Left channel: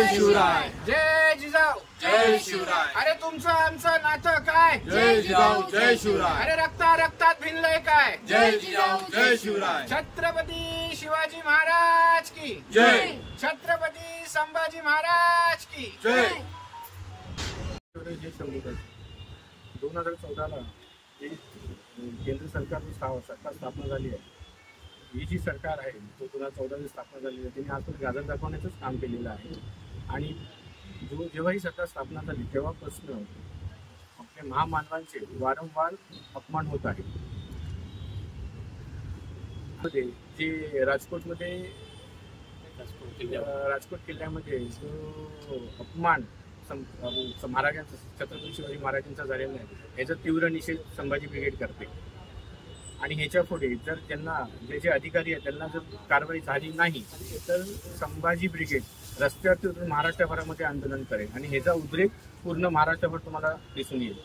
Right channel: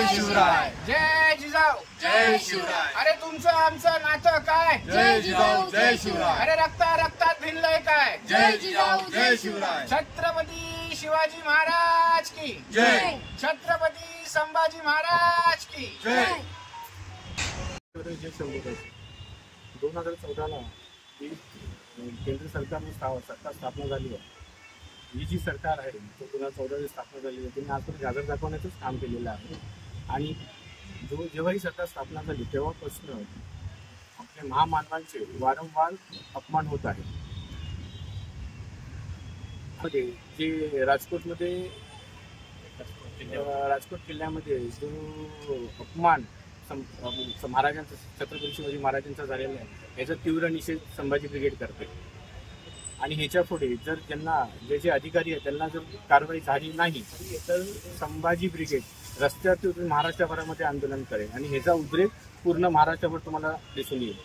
जय शिवराय. जय जिजाऊ. जय शिवराय. अरे तुमचं आमचं नातं काय? जय जिजाऊ जय शिवराय. अरे रक्तात भिनलंय काय? जय जिजाऊ जय शिवराय. छत्रपती शिवाजी महाराज की जय. छत्रपती संभाजी महाराज की जय. 2014ला केंद्र सरकार स्थापना झाली आहे. ही जी सरकार आहे तो 2014ची स्थापना झाली आहे. त्यांनी आजपर्यंत गाजर दाखवण्याचंच काम केलेलं आहे. आणि जेव्हा ही सरकार स्थापना झाली तेव्हापासून आपल्या महामानवांचे वारंवार अपमान होत आहे. जे राजकोट किल्ल्यामध्ये जो अपमान महाराजांचा, छत्रपती शिवाजी महाराजांचा झालेला आहे याचा तीव्र निषेध संभाजी ब्रिगेड करते. आणि ह्याच्या पुढे जर त्यांना जे अधिकारी आहेत त्यांना जर कारवाई झाली नाही तर संभाजी ब्रिगेड रस्त्यावर महाराष्ट्रभरामध्ये आंदोलन करेल आणि ह्याचा उद्रेक पूर्ण महाराष्ट्रभर तुम्हाला दिसून येईल.